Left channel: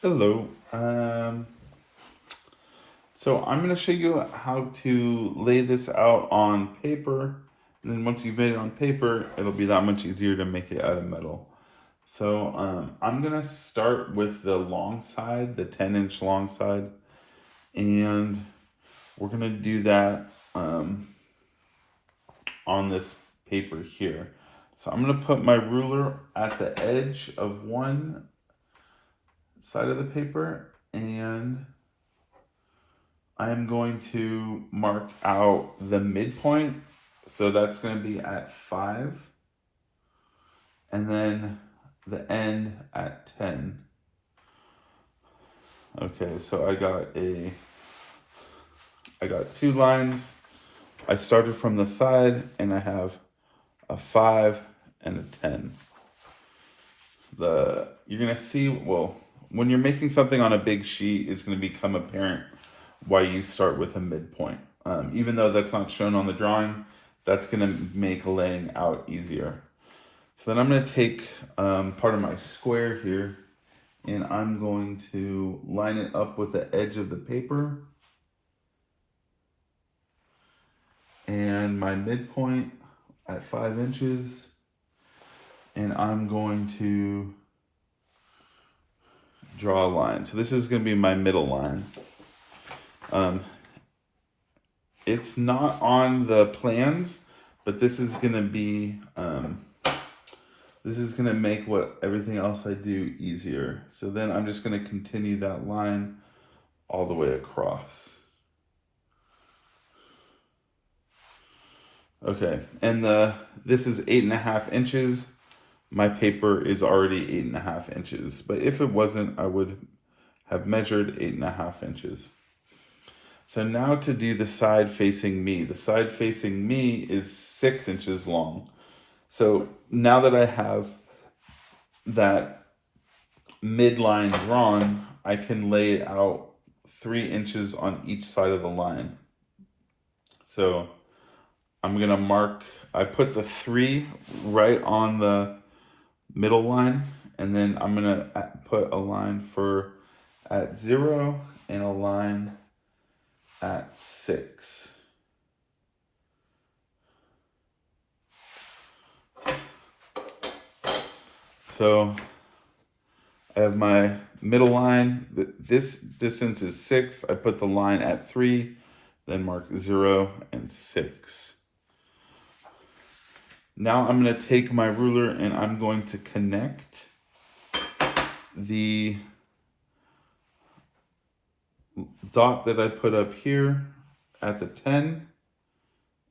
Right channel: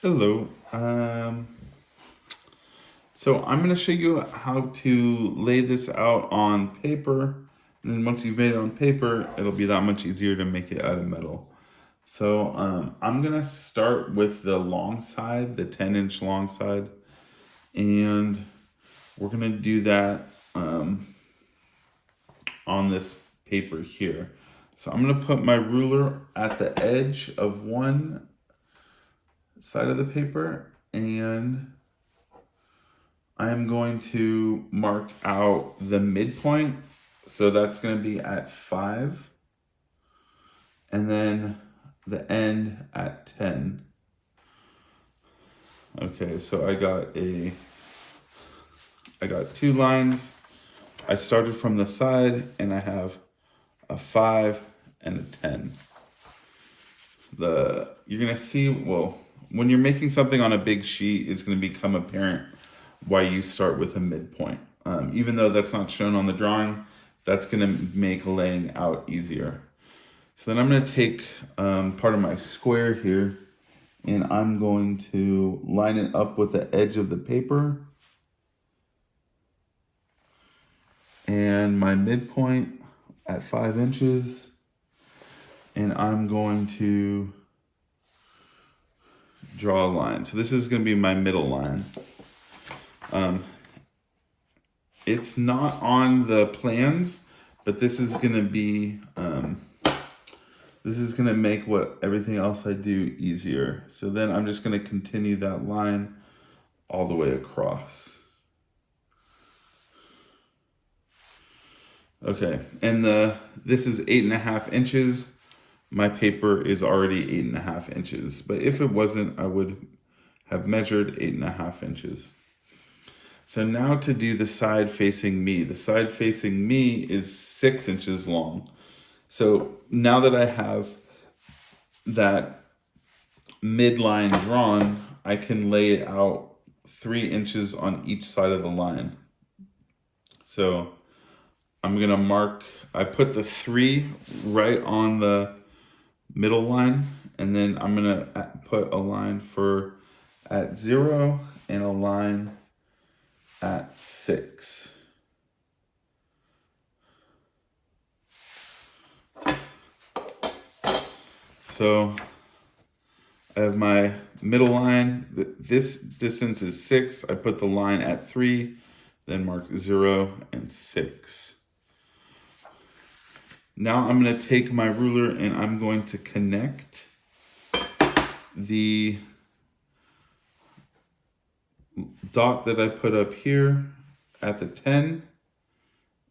Hello. So I'm going to show you how to lay this out on paper. And then once you've made it on paper, it'll be that much easier to make it out of metal. So I'm going to start with the long side, the 10-inch long side. And we're going to do that on this paper here. So I'm going to put my ruler at the edge of one side of the paper, and I am going to mark out the midpoint. So that's going to be at 5. And then the end at 10. Okay, so I got two lines. I started from the side and I have a 5 and a 10. You're going to see, well, when you're making something on a big sheet, it's going to become apparent why you start with a midpoint. Even though that's not shown on the drawing, that's going to make laying out easier. So then I'm going to take part of my square here, and I'm going to line it up with the edge of the paper and my midpoint at 5 inches. And I'm going to draw a line. So this is going to be my middle line. It's not on the plans, but this is going to be, this is going to make everything else I do easier. So then I'm just going to continue that line all the way across. Okay, and this is 8.5 inches. My paper is already 8.5 inches, but if it wasn't, I would have measured 8.5 inches. So now to do the side facing me. The side facing me is 6 inches long. So now that I have that midline drawn, I can lay it out 3 inches on each side of the line. So I'm gonna mark, I put the 3 right on the middle line, and then I'm gonna put a line at 0 and a line at 6. So I have my middle line. This distance is 6. I put the line at 3, then mark 0 and 6. Now I'm going to take my ruler and I'm going to connect the dot that I put up here at the 10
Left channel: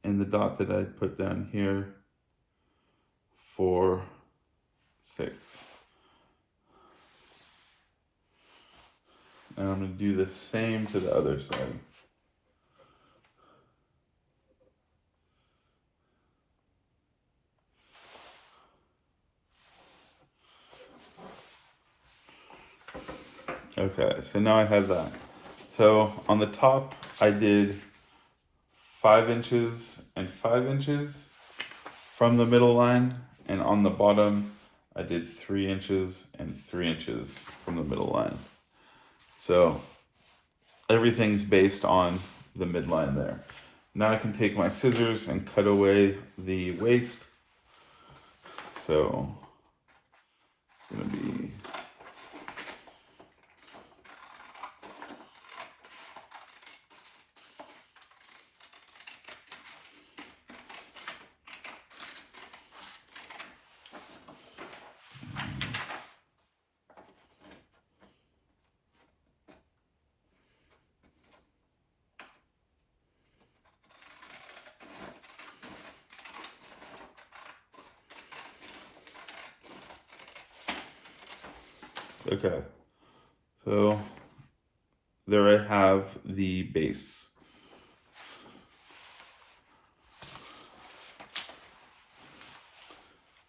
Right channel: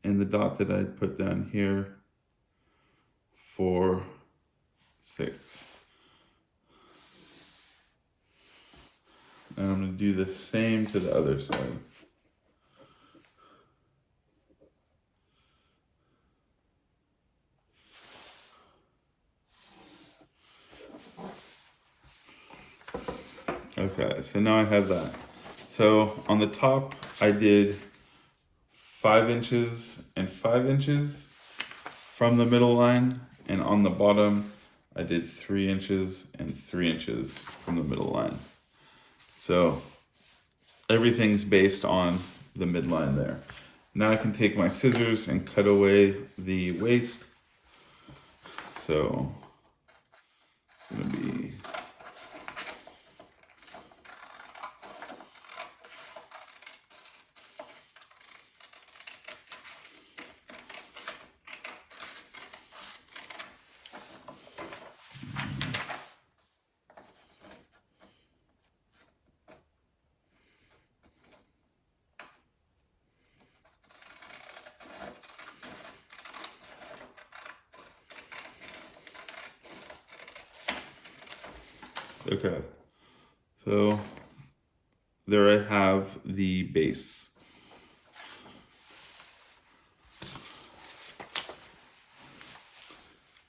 and the dot that I put down here for 6. And I'm going to do the same to the other side. Okay, so now I have that. So on the top, I did 5 inches and 5 inches from the middle line, and on the bottom, I did 3 inches and 3 inches from the middle line. So everything's based on the midline there. Now I can take my scissors and cut away the waste. So it's gonna be okay. So there I have the base.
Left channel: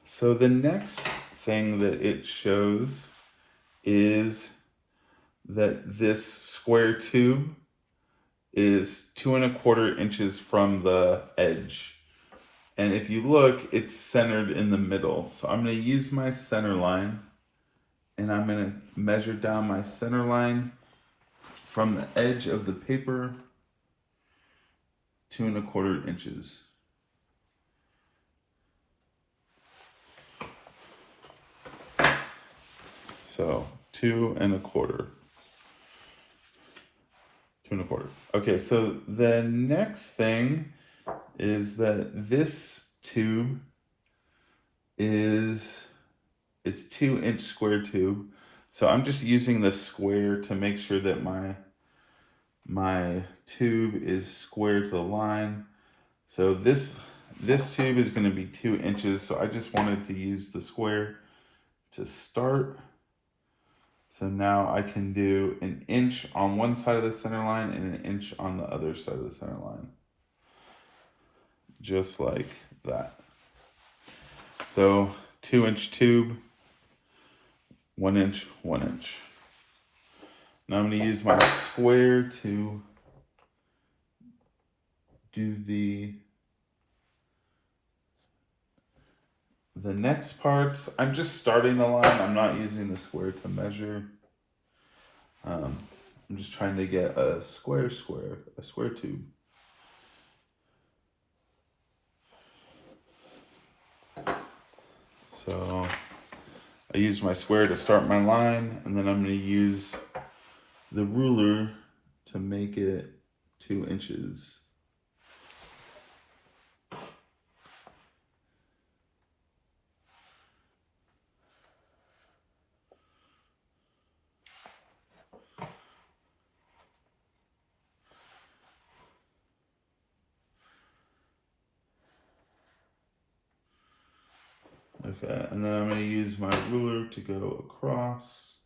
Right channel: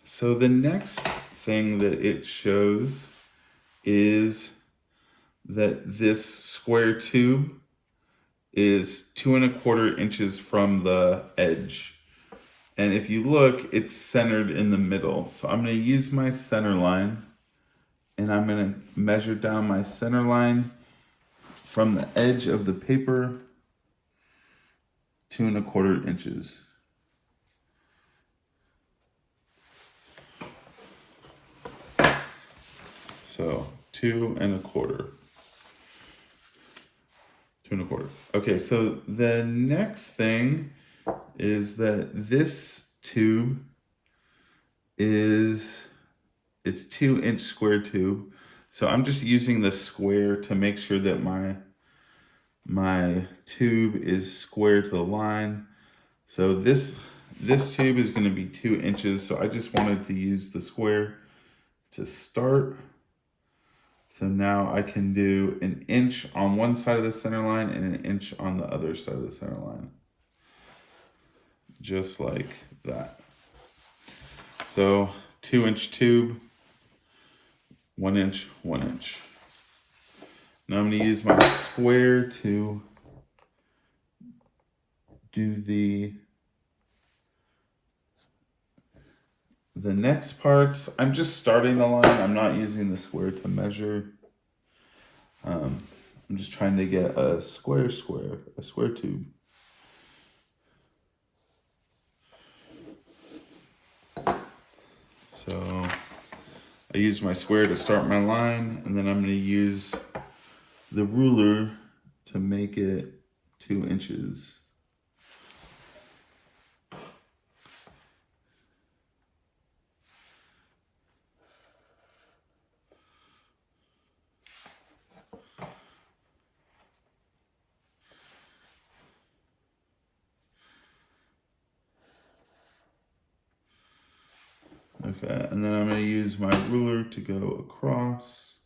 So the next thing that it shows is that this square tube is 2.25 inches from the edge. And if you look, it's centered in the middle. So I'm going to use my center line and I'm going to measure down my center line from the edge of the paper 2¼ inches. So 2¼ 2¼ Okay, so the next thing is that this tube it's 2-inch square tube. So I'm just using the square to make sure that my tube is square to the line. So this tube is going to be 2 inches. So I just wanted to use the square to start. So now I can do 1 inch on one side of the center line and 1 inch on the other side of the center line. Just like that. So 2-inch tube, 1 inch, 1 inch. Now I'm going to use my square to do the next parts. I'm just starting the line. I'm not using the square to measure. I'm just trying to get a square tube. So I use my square to start my line, and then I'm going to use the ruler to make it 2 inches. Okay, and then I'm going to use my ruler to go across.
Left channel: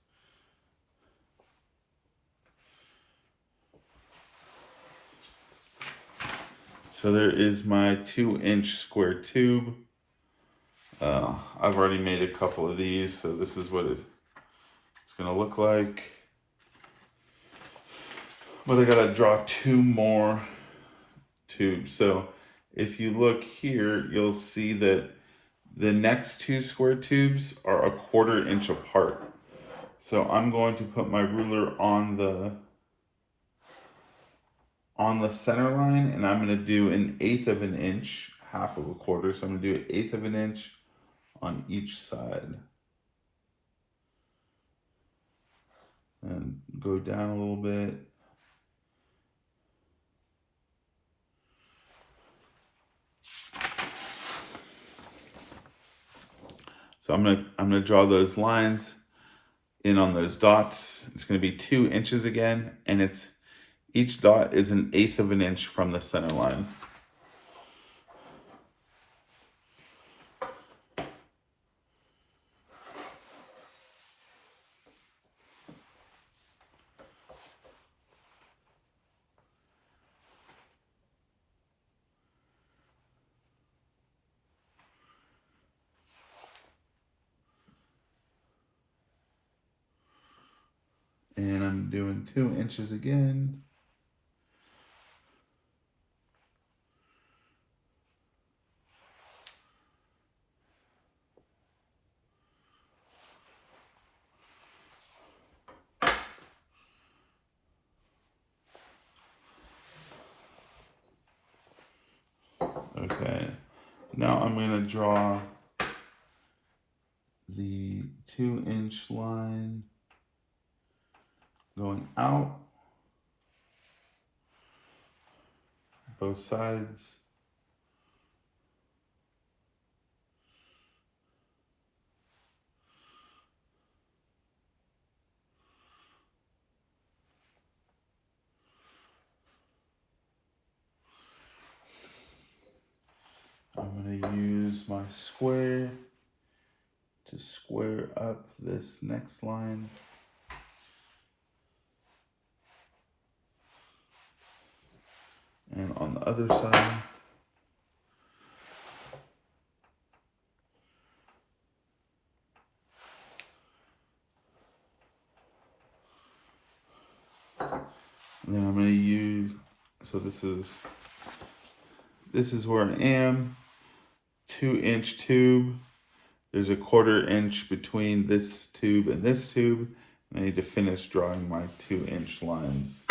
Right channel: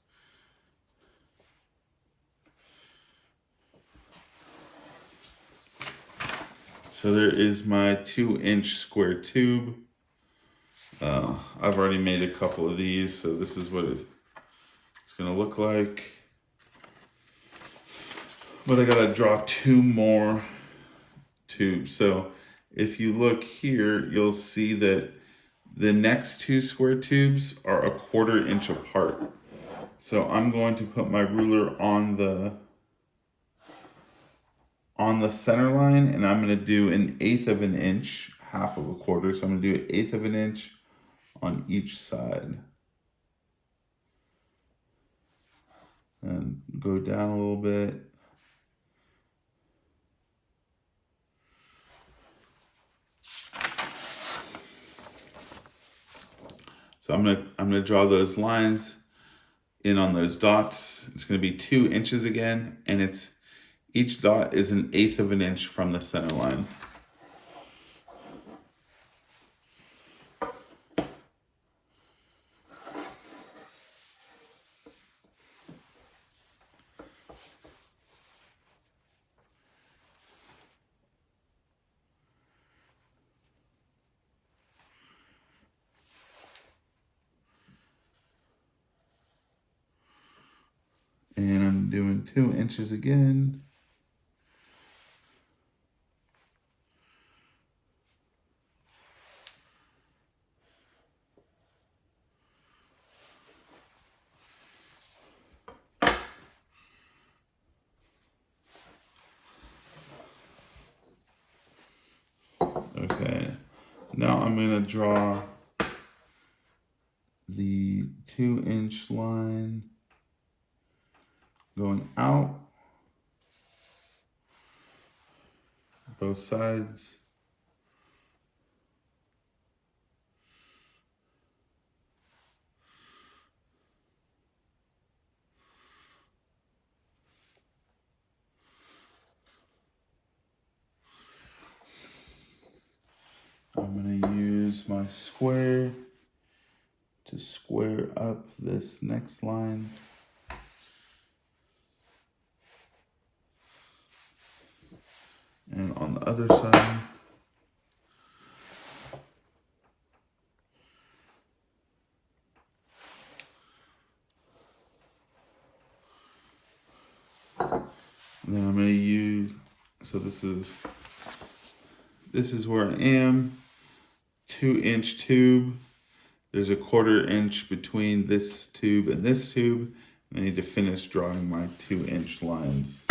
So there is my 2-inch square tube. I've already made a couple of these, so this is what it's going to look like. But I got to draw 2 more tubes. So if you look here, you'll see that the next 2 square tubes are 1/4 inch apart. So I'm going to put my ruler on the center line, and I'm going to do 1/8 of an inch, 1/2 of a quarter. So I'm going to do 1/8 of an inch on each side. And go down a little bit. So I'm gonna draw those lines in on those dots. It's gonna be 2 inches again, and each dot is 1/8 of an inch from the center line. And I'm doing 2 inches again. Okay, now I'm gonna draw the 2-inch line going out both sides. I'm going to use my square to square up this next line. And on the other side. And then I'm going to use, so this is where I am, 2-inch tube. There's a 1/4 inch between this tube and this tube. I need to finish drawing my 2-inch lines.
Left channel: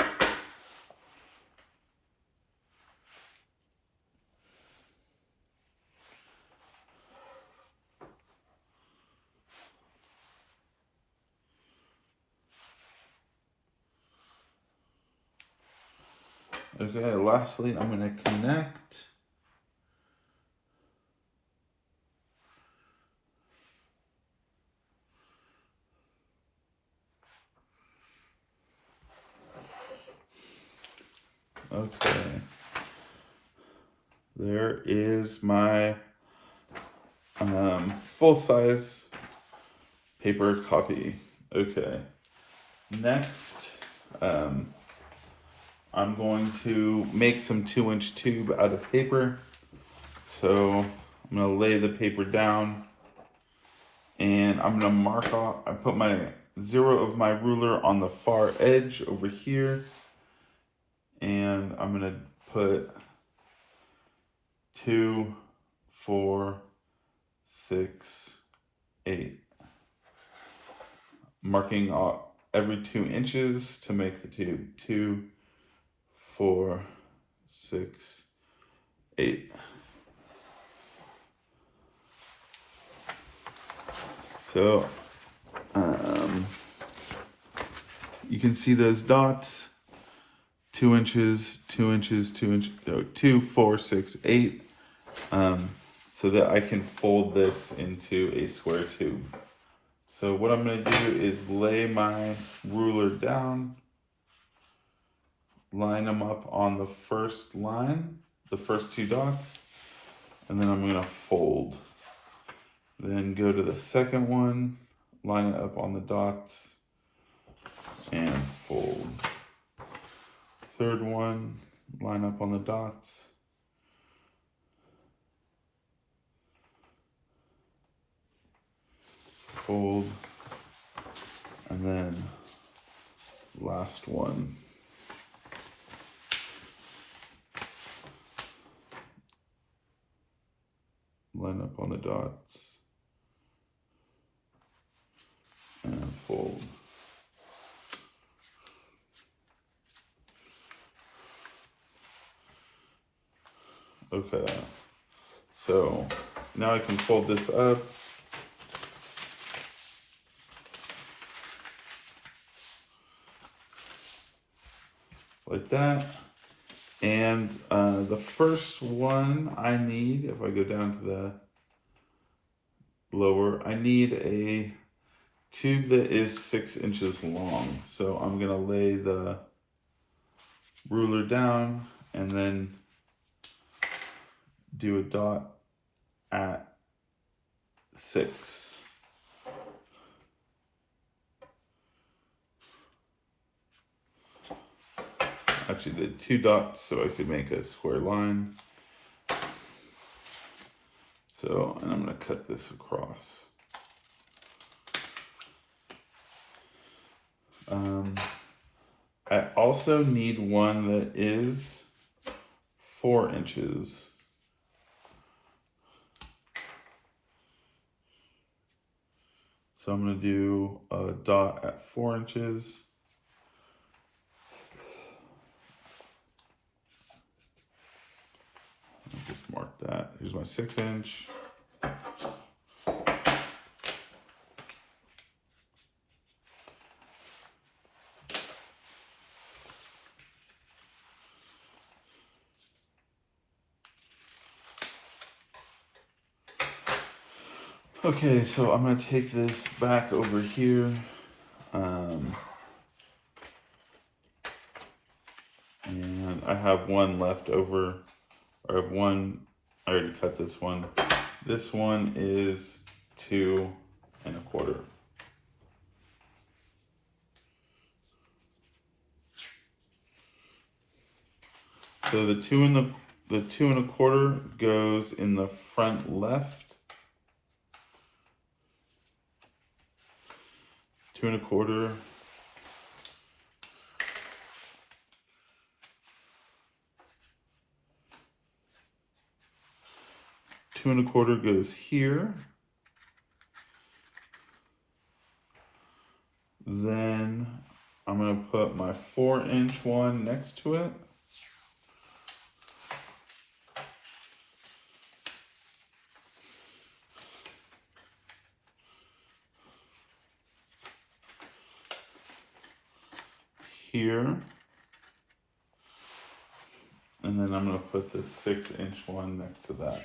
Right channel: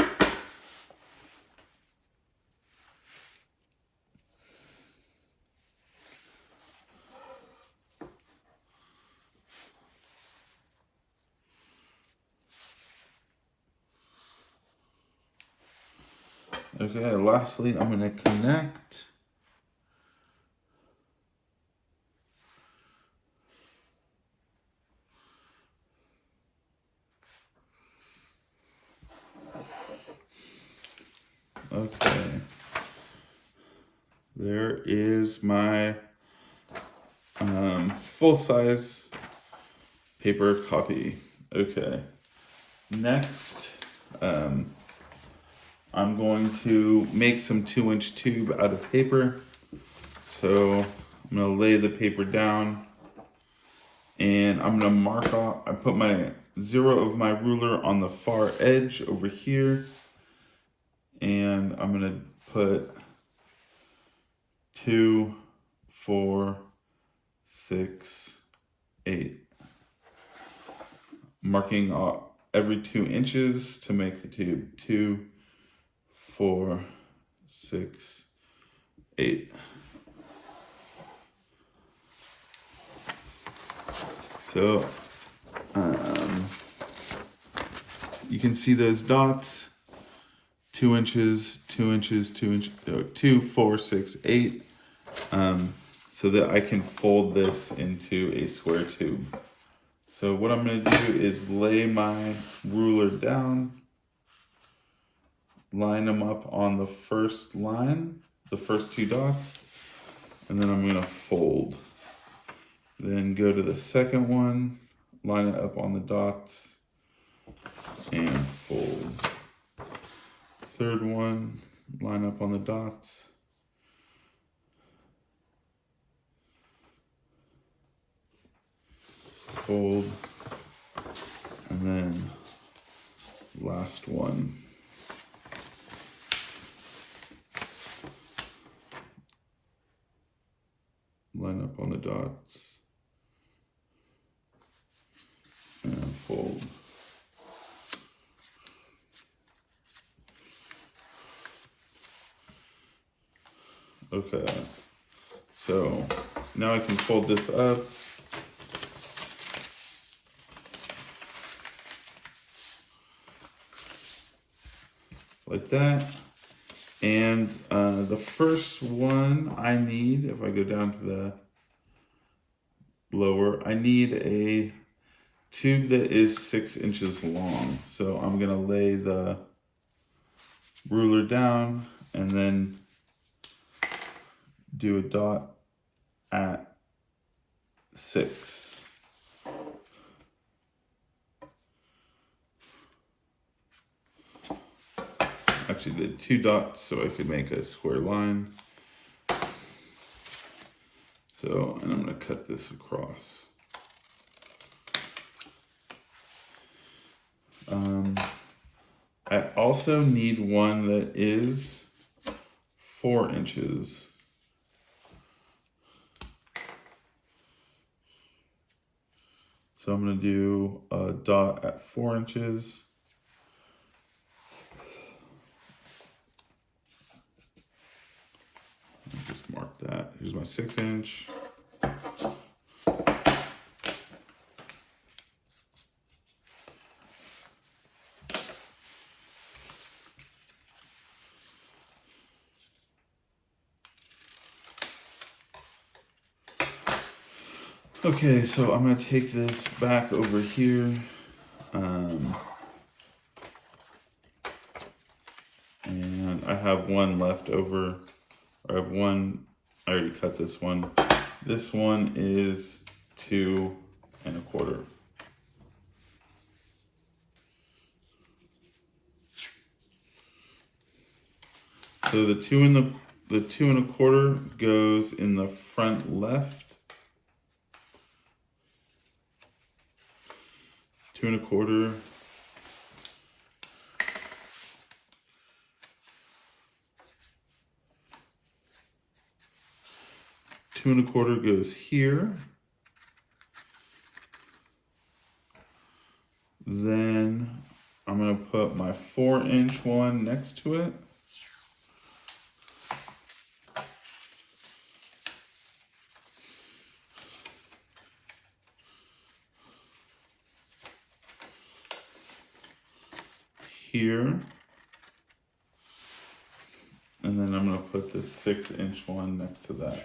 Okay, lastly, I'm going to connect. Okay, there is my full-size paper copy. Okay, next I'm going to make some 2-inch tube out of paper. So I'm going to lay the paper down and I'm going to mark off. I put my 0 of my ruler on the far edge over here. And I'm going to put 2, 4, 6, 8. Marking off every 2 inches to make the tube. 2, 4, 6, 8. So you can see those dots. 2 inches, 2 inches, 2 inches, 2, 4, 6, 8, so that I can fold this into a square tube. So what I'm going to do is lay my ruler down, line them up on the first line, the first 2 dots, and then I'm going to fold. Then go to the second one, line it up on the dots, and fold. Third one, line up on the dots. Fold. And then last one. Line up on the dots. And fold. Okay, so now I can fold this up. Like that. And the first one I need, if I go down to the lower, I need a tube that is 6 inches long. So I'm gonna lay the ruler down and then do a dot at 6. Actually did 2 dots so I could make a square line. So, and I'm going to cut this across. I also need one that is 4 inches. So I'm going to do a dot at 4 inches. Just mark that. Here's my 6 inch. Okay, so I'm going to take this back over here. And I have one left over. I have one, I already cut this one. This one is 2 1/4. So the 2 1/4 goes in the front left. 2 1/4. Two 2 1/4 goes here. Then I'm going to put my 4-inch one next to it. Here. And then I'm going to put the 6-inch one next to that.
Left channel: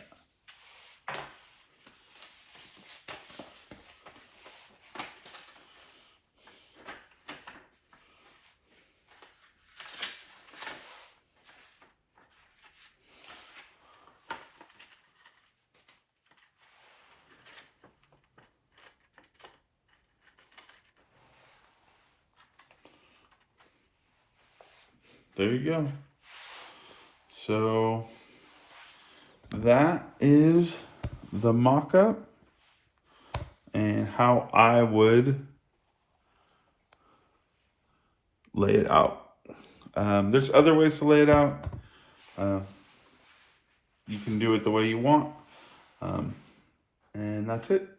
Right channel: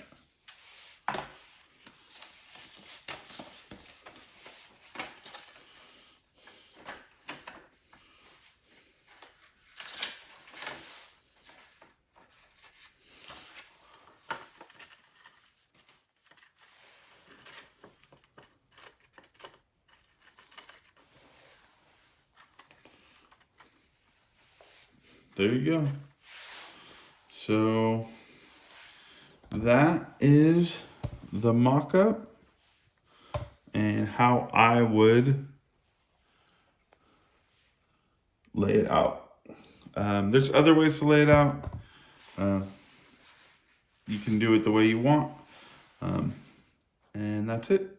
There you go. So that is the mock-up and how I would lay it out. There's other ways to lay it out. You can do it the way you want. And that's it.